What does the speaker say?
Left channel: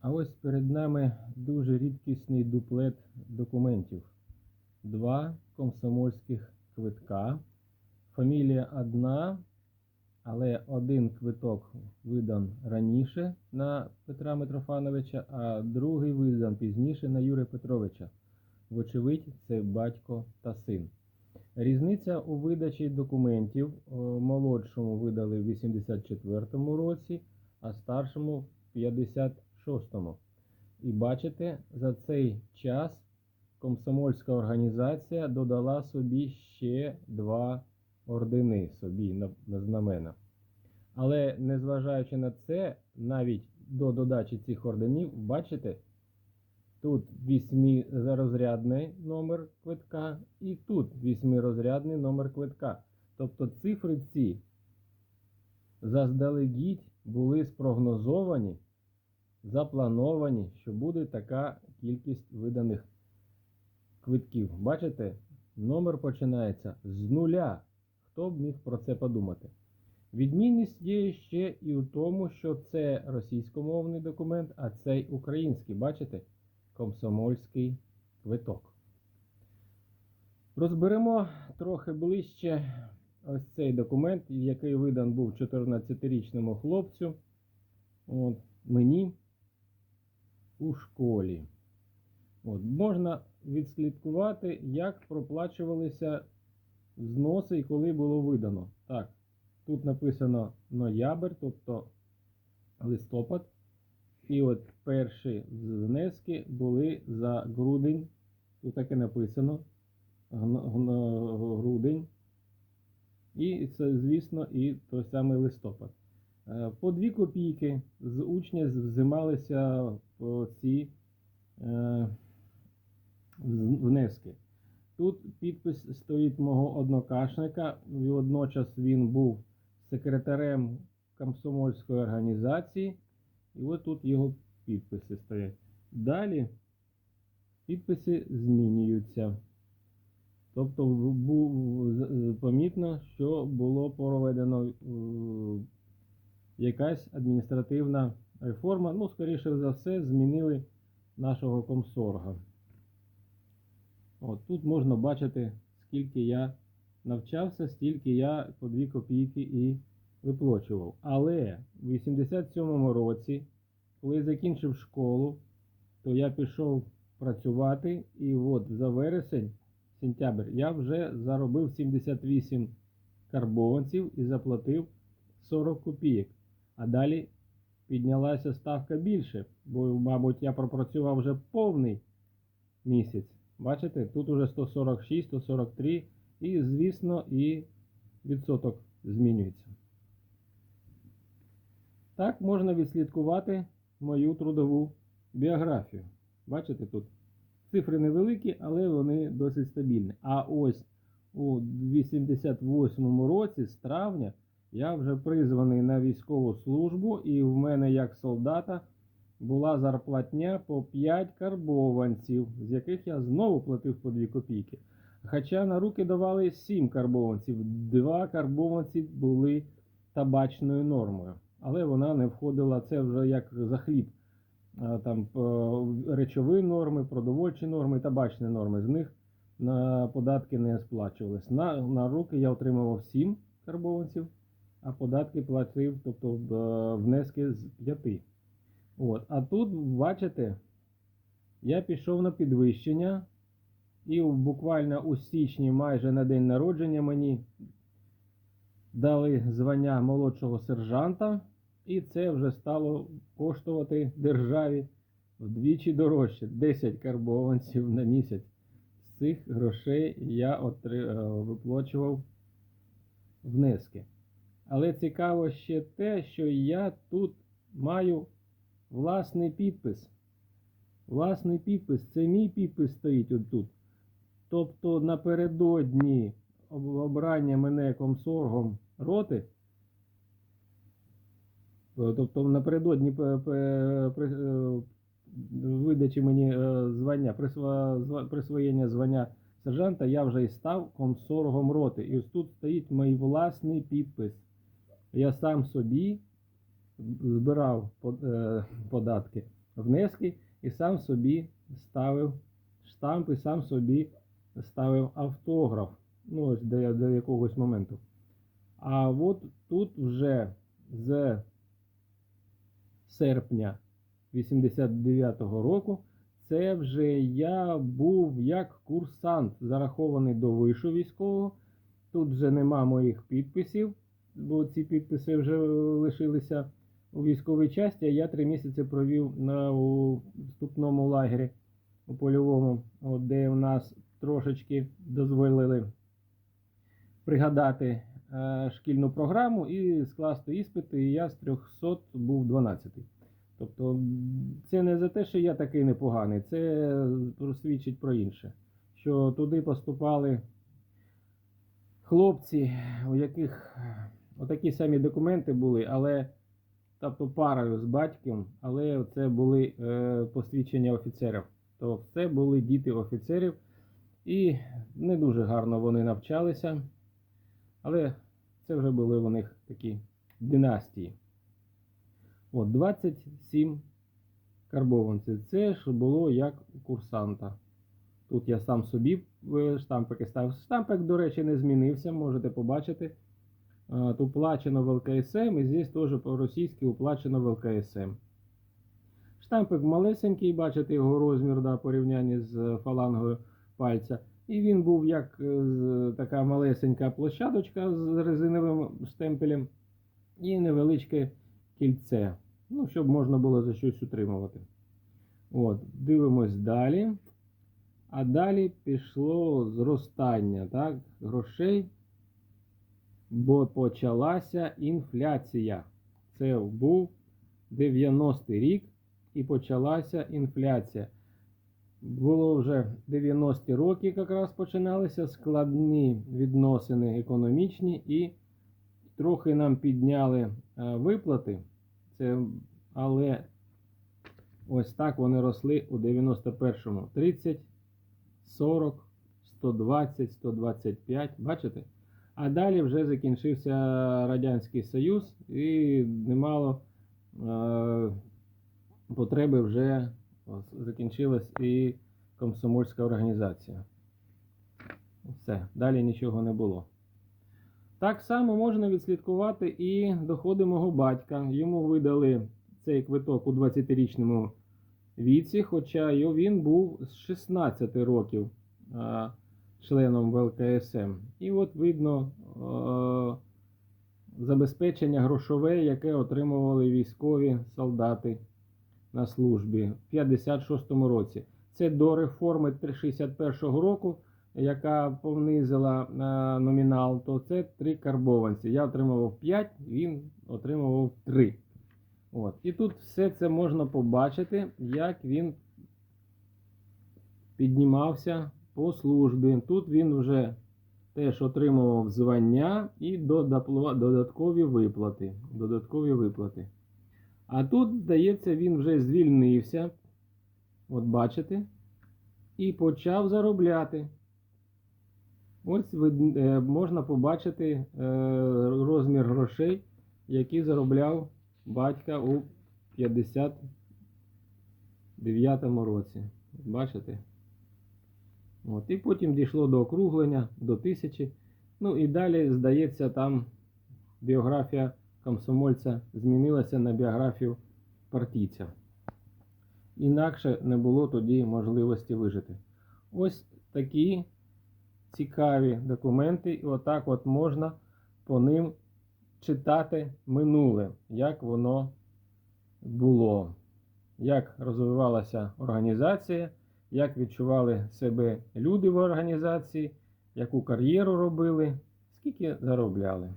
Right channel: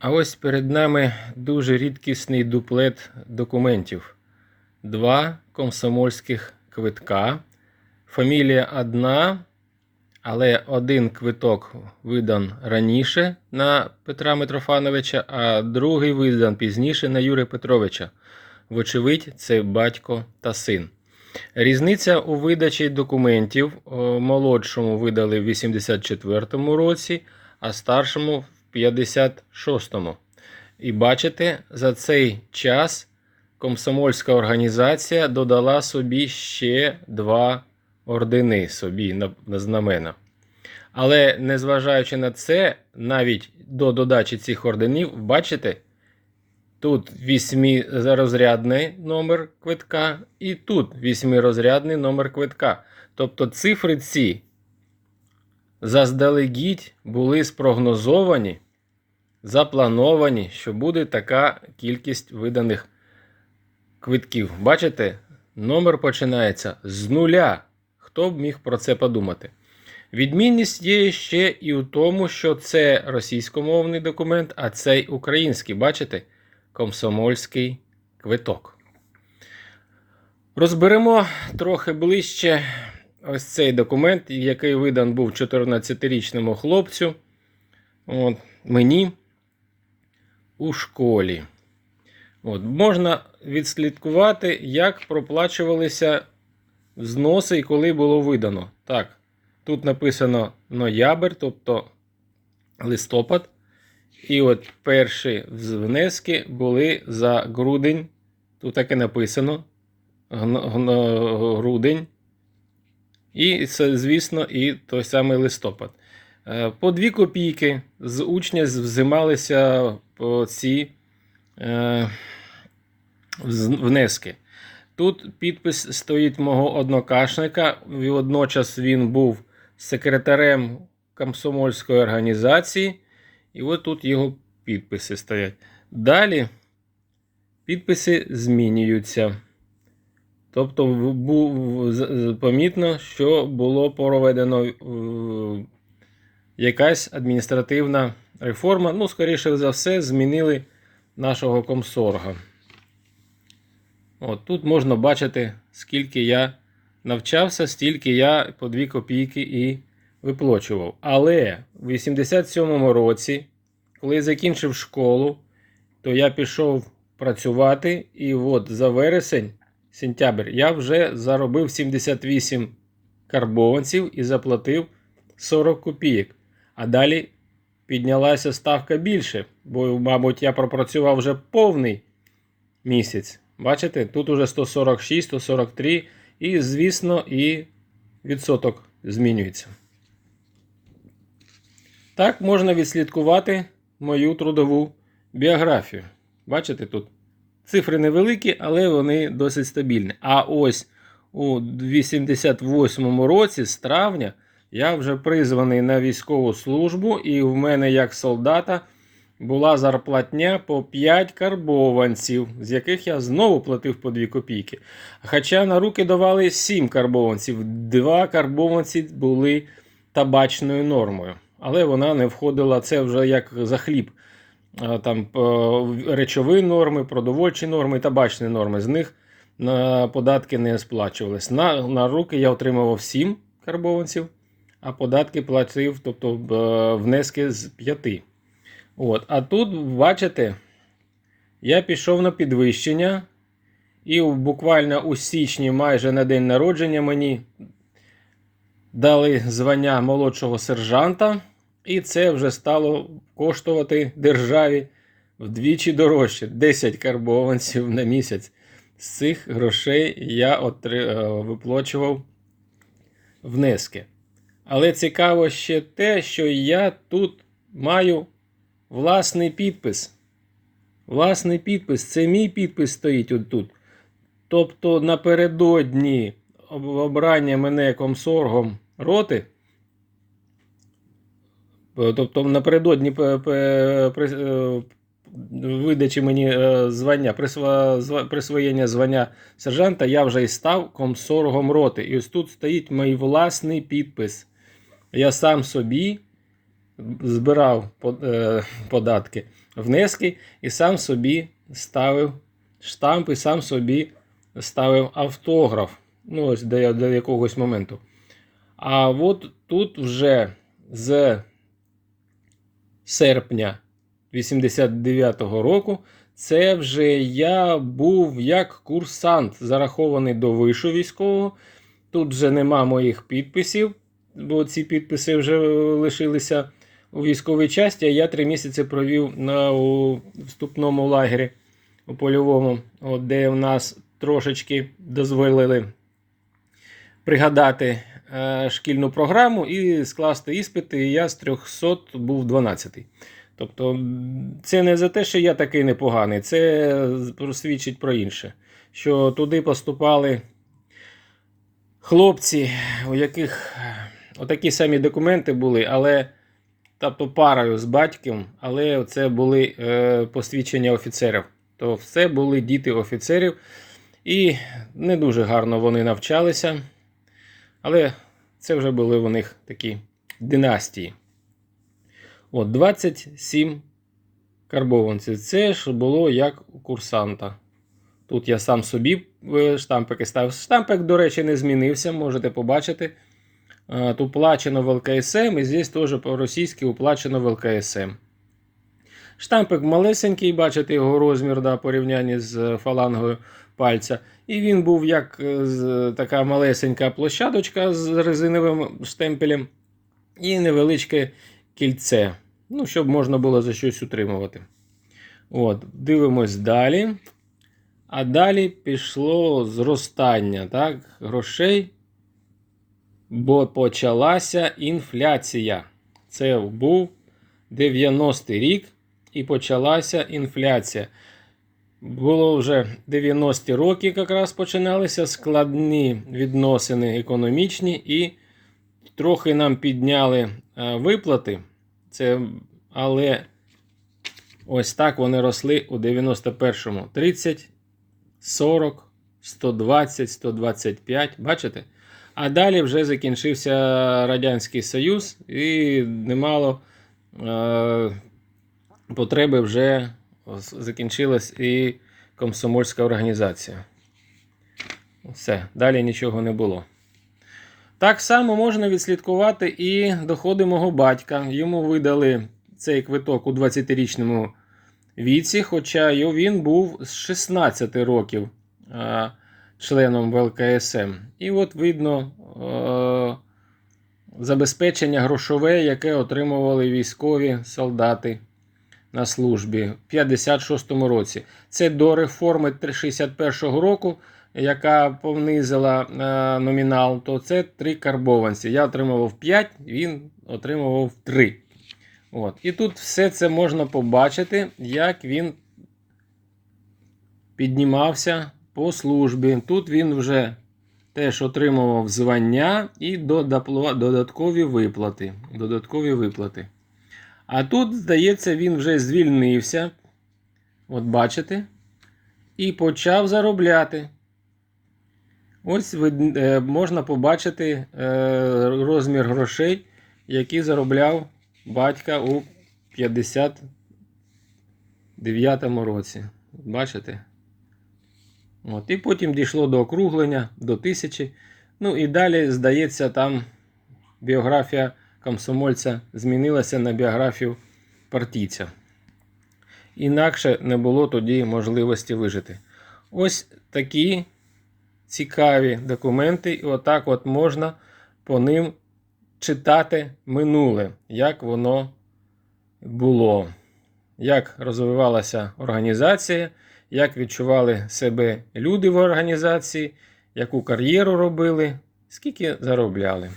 А ось перед нами дуже рідкісний дуплет документів. Два комсомольських квитка. Фамілія одна, але один квиток видан раніше на Петра Митрофановича, а другий видан пізніше на Юрія Петровича. Вочевидь, це батько та син. Різниця у видачі документів молодшому видали в 84-му році, а старшому в 56-му. І бачите, за цей час комсомольська організація додала собі ще два ордени собі на, на знамена. Але незважаючи на це, навіть до додачі цих орденів, бачите, тут вісьмирозрядний номер квитка, і тут вісьмирозрядний номер квитка. Тобто цифри ці заздалегідь були спрогнозовані, заплановані, що буде така кількість виданих квитків. Бачите, номер починається з нуля. Хто б міг про це подумати? Відмінність є ще і у тому, що це російськомовний документ, а цей український. Бачите? Комсомольський квиток. Розберемо трохи ближче ось цей документ, який видан був 14-річному хлопцю. От, мені у школі. От, можна відслідкувати, як проплачувалися взноси і коли було видано. Так, тут написано ноябрь, тобто листопад. І от перші внески були за грудень. Тут так і написано. Грудень. І це, звісно, і той самий листопад. Е, По 2 копійки з учня взималися ці е, внески. Тут підпис стоїть мого однокашника. Водночас він був секретарем комсомольської організації. І от тут його підписи стоять. Далі підписи змінюються. Тобто був помітно, що було проведено якась адміністративна реформа. Ну, скоріше за все, змінили нашого комсорга. От тут можна бачити, скільки я навчався, стільки я по 2 копійки і виплачував. Але в 87-му році, коли я закінчив школу, то я пішов працювати, і от за вересень, сентябрь, я вже заробив 78 карбованців і заплатив 40 копійок. А далі піднялася ставка більше, бо, мабуть, я пропрацював вже повний місяць. Бачите, тут уже 146, 143, і, звісно, і відсоток змінюється. Так можна відслідкувати мою трудову біографію. Бачите тут? Цифри невеликі, але вони досить стабільні. А ось у 88 році, з травня, я вже призваний на військову службу, і в мене як солдата була зарплатня по 5 карбованців, з яких я знову платив по 2 копійки. Хоча на руки давали 7 карбованців, 2 карбованці були табачною нормою. Але вона не входила, це вже як за хліб. Там е, речові норми, продовольчі норми, табачні норми. З них податки не сплачувались. На, на руки я отримував 7 карбованців, а податки платив, тобто внески з 5. От. А тут, бачите, я пішов на підвищення, і буквально у січні, майже на день народження, мені дали звання молодшого сержанта, і це вже стало коштувати державі вдвічі дорожче 10 карбованців на місяць. З цих грошей я отри... е, виплачував внески. Але цікаво ще те, що я тут маю власний підпис. Власний підпис, це мій підпис стоїть отут. Тобто напередодні обрання мене комсоргом роти. е, Тобто напередодні е, видачі мені е, звання, присвоєння звання сержанта, я вже і став комсоргом роти. І ось тут стоїть мій власний підпис. Я сам собі збирав е, податки, внески і сам собі ставив штамп і сам собі ставив автограф. Ну, ось до, до якогось моменту. А от тут вже з серпня 89-го року це вже я був як курсант, зарахований до вишу військового. Тут вже нема моїх підписів, бо ці підписи вже лишилися у військовій часті. А я три місяці провів на у вступному лагері у польовому, от, де в нас трошечки дозволили пригадати е, шкільну програму і скласти іспити. І я з 300 був 12-й. Тобто, це не за те, що я такий непоганий, це свідчить про інше. Що туди поступали хлопці, у яких отакі самі документи були, але тобто парою з батьком, але це були е, посвідчення офіцерів. То все були діти офіцерів, і не дуже гарно вони навчалися. Але це вже були у них такі династії. От 27 карбованців. Це ж було як у курсанта. Тут я сам собі е, штампики ставив. Штампик, до речі, не змінився, можете побачити. Е, уплачено в ЛКСМ, і здесь теж по-російськи уплачено в ЛКСМ. Штампик малесенький, бачите його розмір да, порівнянні з е, фалангою пальця. І він був як е, така малесенька площадочка з резиновим штемпелем і невеличке кільце. Ну, щоб можна було за щось утримувати. От, дивимось далі. А далі пішло зростання так, грошей, бо почалася інфляція. Це був 90-й рік і почалася інфляція. Було вже 90-ті роки, якраз починалися складні відносини економічні, і трохи нам підняли е, виплати. Це, але ось так вони росли у 91-му. 30, 40, 120, 125. Бачите? А далі вже закінчився Радянський Союз, і немало е, потреби вже закінчилась і комсомольська організація. Все, далі нічого не було. Так само можна відслідкувати і доходи мого батька. Йому видали цей квиток у 20-річному віці, хоча він був з 16 років е, членом ВЛКСМ. І от видно е, забезпечення грошове, яке отримували військові солдати на службі в 56-му році. Це до реформи 61-го року, яка понизила е, номінал, то це три карбованці. Я отримував 5, він отримував 3. От. І тут все це можна побачити, як він піднімався по службі. Тут він вже теж отримував звання і додаткові виплати. Додаткові виплати. А тут, здається, він вже звільнився. От бачите. І почав заробляти. Ось е, можна побачити е, розмір грошей, які заробляв батька у 59-му році. Бачите? От. І потім дійшло до округлення, до тисячі. Ну і далі, здається, там біографія комсомольця змінилася на біографію партійця. Інакше не було тоді можливості вижити. Ось такі цікаві документи, і отак от можна по ним читати минуле, як воно було, як розвивалася організація, як відчували себе люди в організації, яку кар'єру робили, скільки заробляли.